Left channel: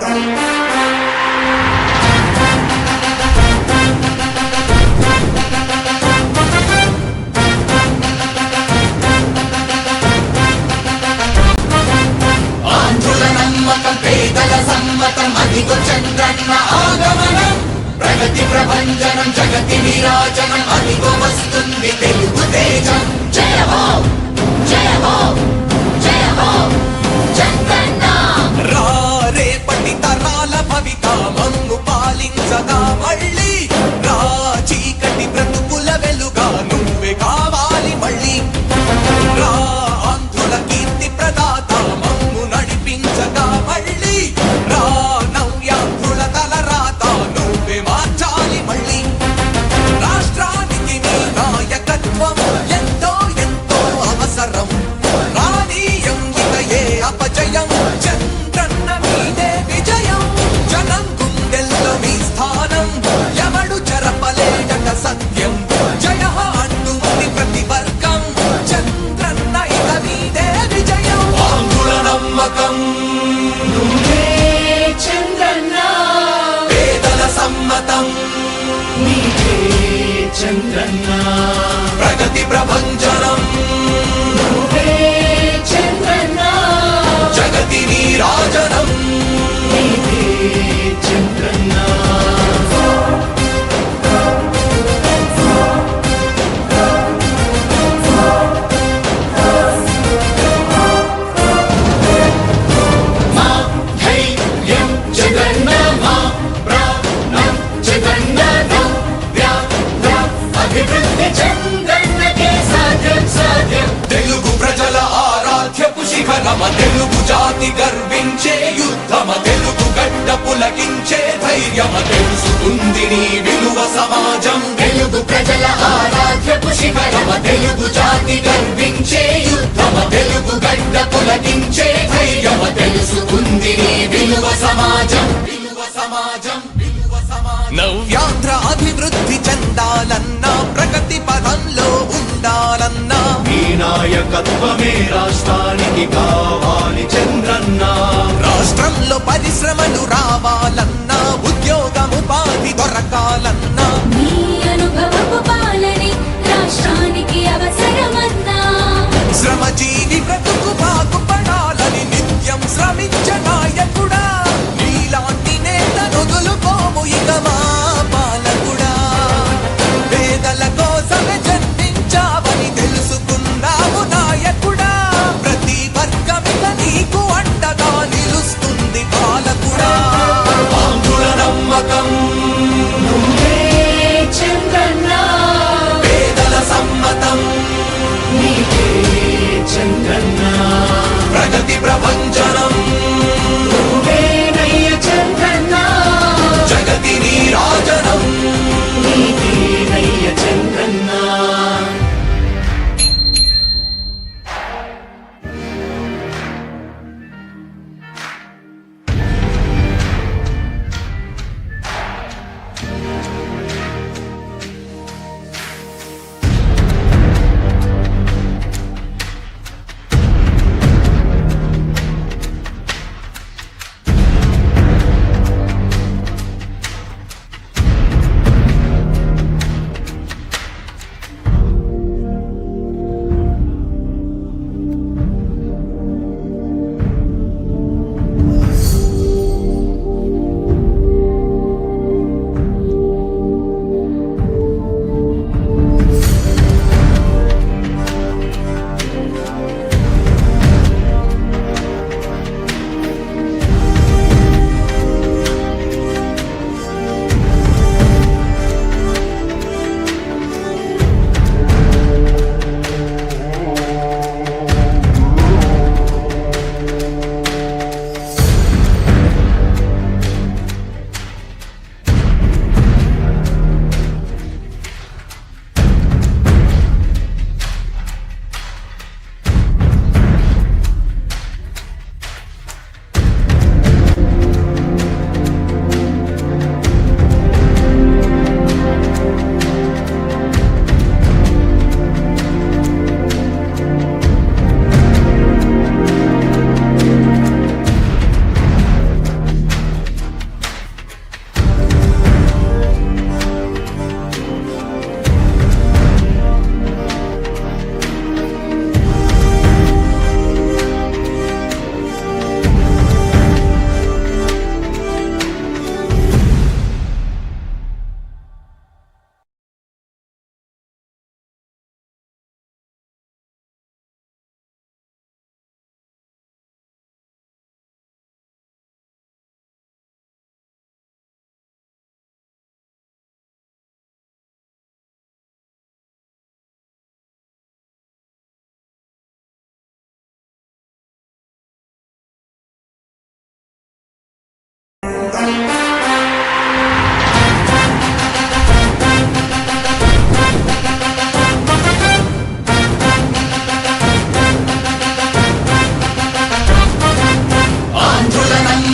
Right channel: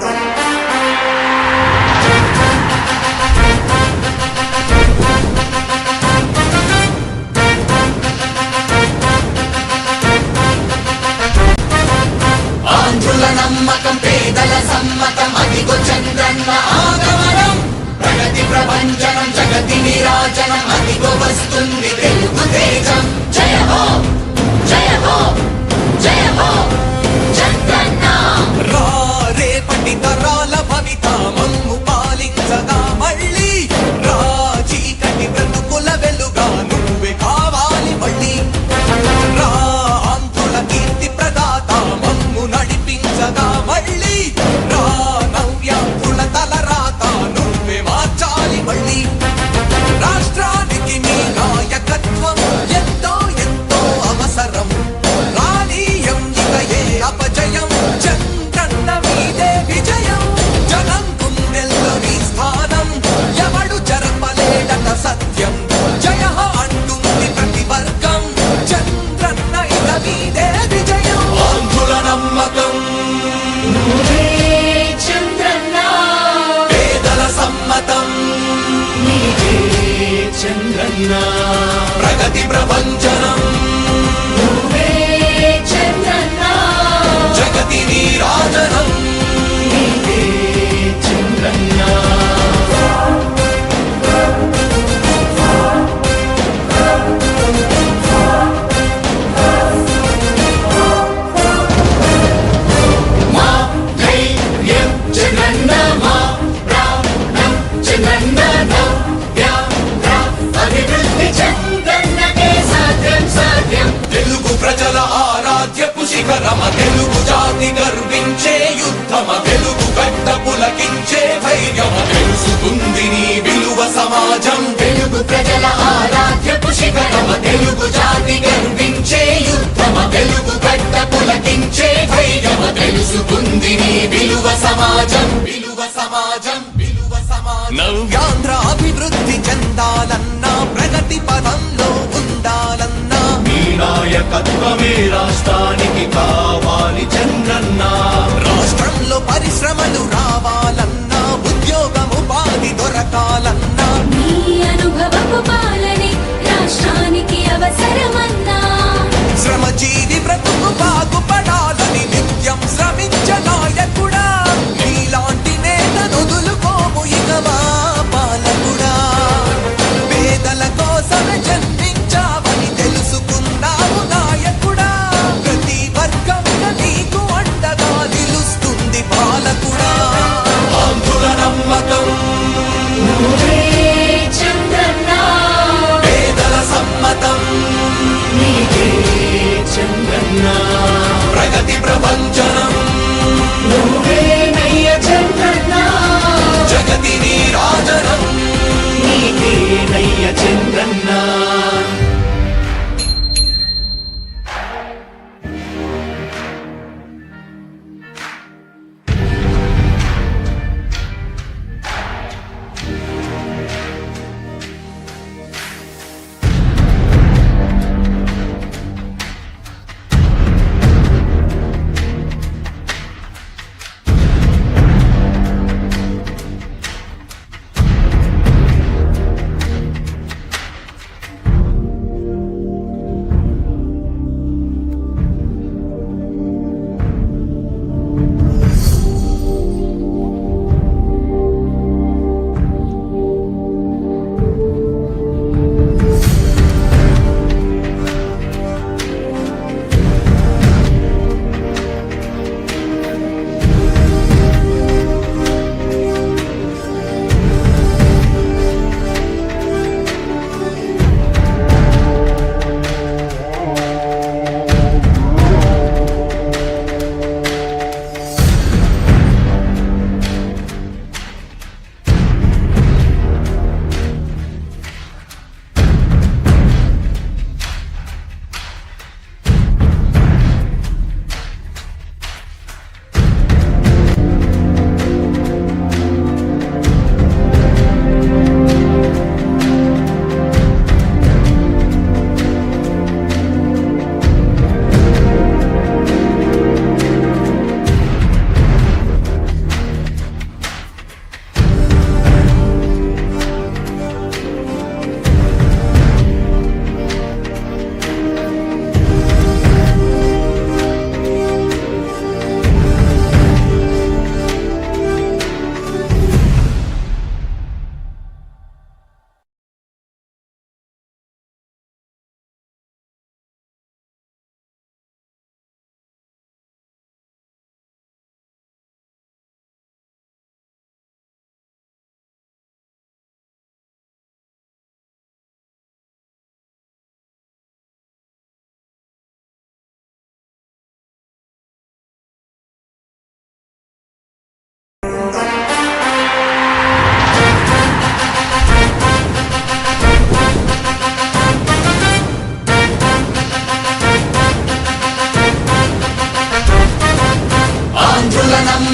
ఉండాలి. ఆంధ్రుల నమ్మకం పేదల సమ్మతం అదిగో చంద్రన్న ఆగమనం ప్రగతి ప్రభంజనం జగతి విరాజనం అదిగో వస్తుంది తెలుగు తేజం జయ హో జయ హో జయ హో చంద్రన్న రేపటి తరాల భవిత మమ్ము పాలించగా మళ్ళీ చీకటి బ్రతుకుల వెలుగా నువ్వే కావాలి మళ్ళీ ఆంధ్రుల కీర్తి ప్రదాత మమ్ము నడిపించగా మళ్ళీ నవ్యాంధ్రుల తలరాత నువ్వే మార్చాలి మళ్ళీ రాష్ట్రానికి నీ నాయకత్వం ఎంతో ఎంతో అవసరం రానీయం ఇక ఏ అపజయం చంద్రన్న మీదే విజయం జనం గుండెల్లో మీ స్థానం ఎవడు చెరపలేడట సత్యం జయ అంటుంది ప్రతి వర్గం చంద్రన్న ఇక మీదే విజయం ఆంధ్రుల నమ్మకం చంద్రన్న పేదల సమ్మతం చంద్రన్న ప్రగతి ప్రభంజనం చంద్రన్న జగతి నీరాజనం చంద్రన్న మా ధైర్యం చంద్రన్న మా ప్రాణం చంద్రన్న అభివృద్ధి చంద్రన్నకే సాధ్యం సాధ్యం తెలుగు ప్రజల ఆరాధ్యపు శిఖరమ తెలుగు జాతి గర్వించే యుద్ధమ తెలుగు గడ్డ పులకించే ధైర్యమ తెలుసుకుంది నీ విలువ సమాజం తెలుగు ప్రజల ఆరాధ్యపు శిఖరమ తెలుగు జాతి గర్వించే యుద్ధమ తెలుగు గడ్డ పులకించే ధైర్యమ తెలుసుకుంది నీ విలువ సమాజం విలువ సమాజం విలువ సమాజం నవ్యాంధ్ర అభివృద్ధి చెందాలన్నా ప్రగతి పదంలో ఉండాలన్నా నీ నాయకత్వమే రాష్ట్రానికి కావాలి చంద్రన్న రాష్ట్రంలో పరిశ్రమలు రావాలన్నా ఉద్యోగం ఉపాధి దొరకాలన్నా నీ అనుభవపు పాలనే రాష్ట్రానికి అవసరమన్నా శ్రమజీవి బ్రతుకు బాగుపడాలని నిత్యం శ్రమించే నాయకుడా నీలాంటి నేత వదులుకోము ఇక మా పాలకుడా పేదల కోసమే జన్మించావని తెలుసుకున్నావు నాయకుడా ప్రతి వర్గం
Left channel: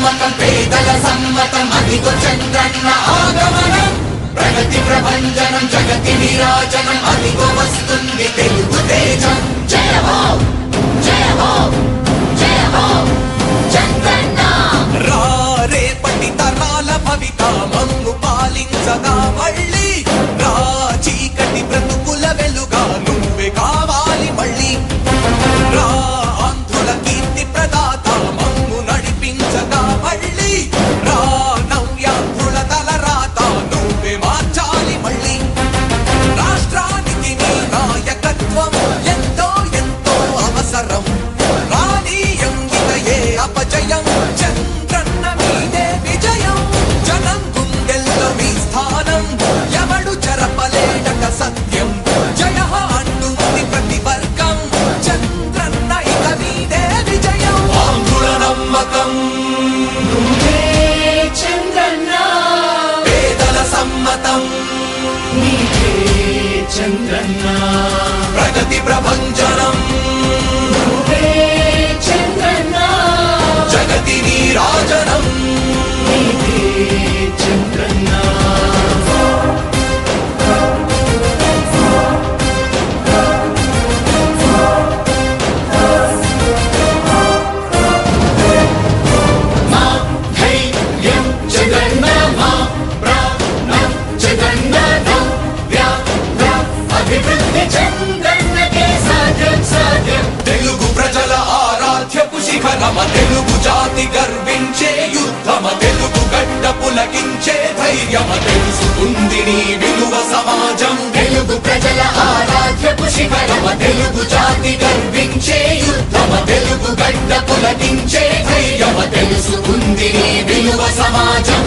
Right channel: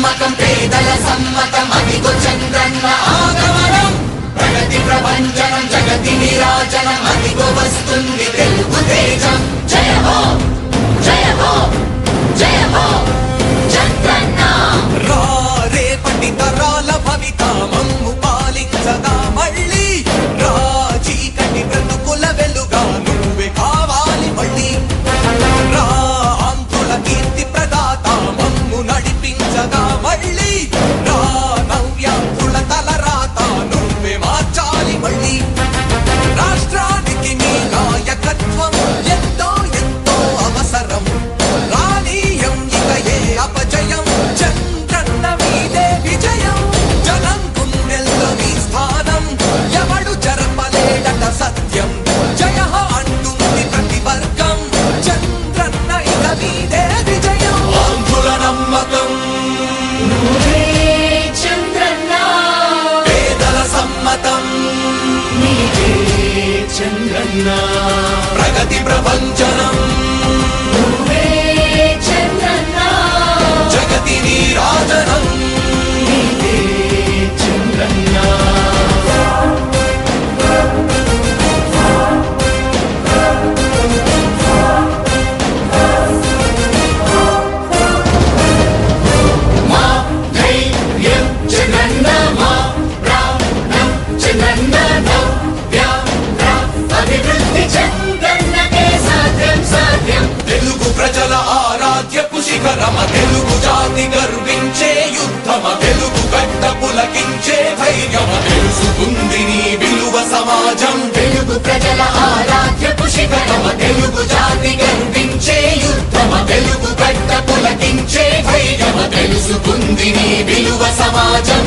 నమ్మకం పేదల సమ్మతం అదిగో చంద్రన్న ఆగమనం ప్రగతి ప్రభంజనం జగతి విరాజనం అదిగో వస్తుంది తెలుగు తేజం జయ హో జయ హో జయ హో చంద్రన్న రా రేపటి తరాల భవిత మమ్ము పాలించగా మళ్ళీ రా చీకటి బ్రతుకుల వెలుగా నువ్వే కావాలి మళ్ళీ రా ఆంధ్రుల కీర్తి ప్రదాత మమ్ము నడిపించగా మళ్ళీ రా నవ్యాంధ్రుల తలరాత నువ్వే మార్చాలి మళ్ళీ రాష్ట్రానికి నీ నాయకత్వం ఎంతో ఎంతో అవసరం రానీయం ఇక ఏ అపజయం చంద్రన్న మీదే విజయం జనం గుండెల్లో మీ స్థానం ఎవడు చెరపలేడట సత్యం జయ హో అంటుంది ప్రతి వర్గం చంద్రన్న ఇక మీదే విజయం ఆంధ్రుల నమ్మకం చంద్రన్న పేదల సమ్మతం చంద్రన్న ప్రగతి ప్రభంజనం చంద్రన్న జగతి నీరాజనం తెలుగు ప్రజల ఆరాధ్యపు శిఖరమ తెలుగు జాతి గర్వించే యుద్ధమ తెలుగు గడ్డ పులకించే ధైర్యమ తెలుసుకుంది నీ విలువ సమాజం తెలుగు ప్రజల ఆరాధ్యపు శిఖరమ తెలుగు జాతి గర్వించే యుద్ధమ తెలుగు గడ్డ పులకించే ధైర్యమ తెలుసుకుంది నీ విలువ సమాజం